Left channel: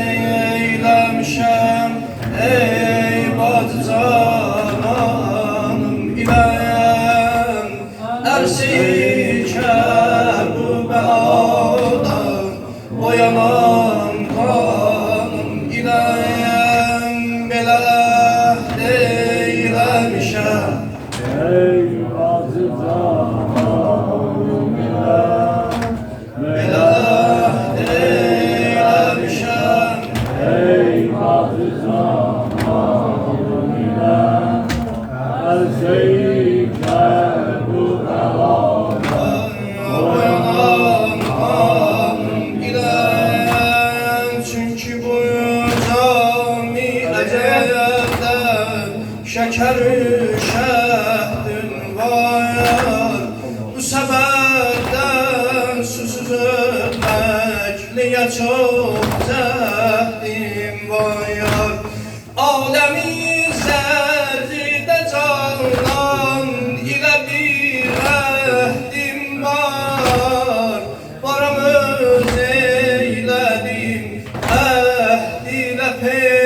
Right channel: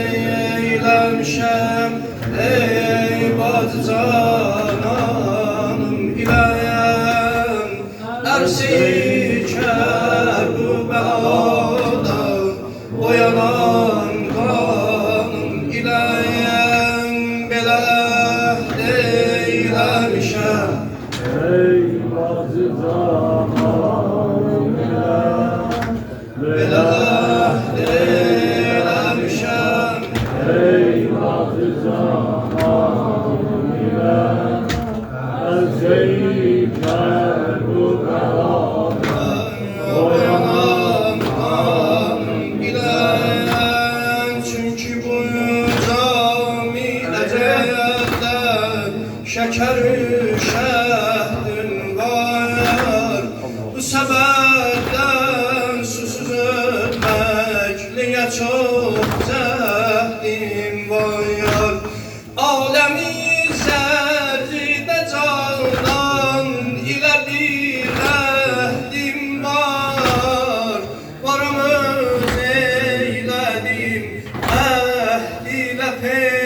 eylemişem ey bacı cananım ile Ersike bu belada oyanan kanım ile Belə eylemişem ey bacı cananım ile Belə eylemişem ey bacı cananım ile Ersike bu belada oyanan kanım ile Çünkü bu cami ecəldən şəkəri şəhdin var Bu səbəbdən susuz ölməkliyə çox cəhdim var Aləmi zərridə canan ilə bir əhdim var Varam öz eylədim əhd ilə peyman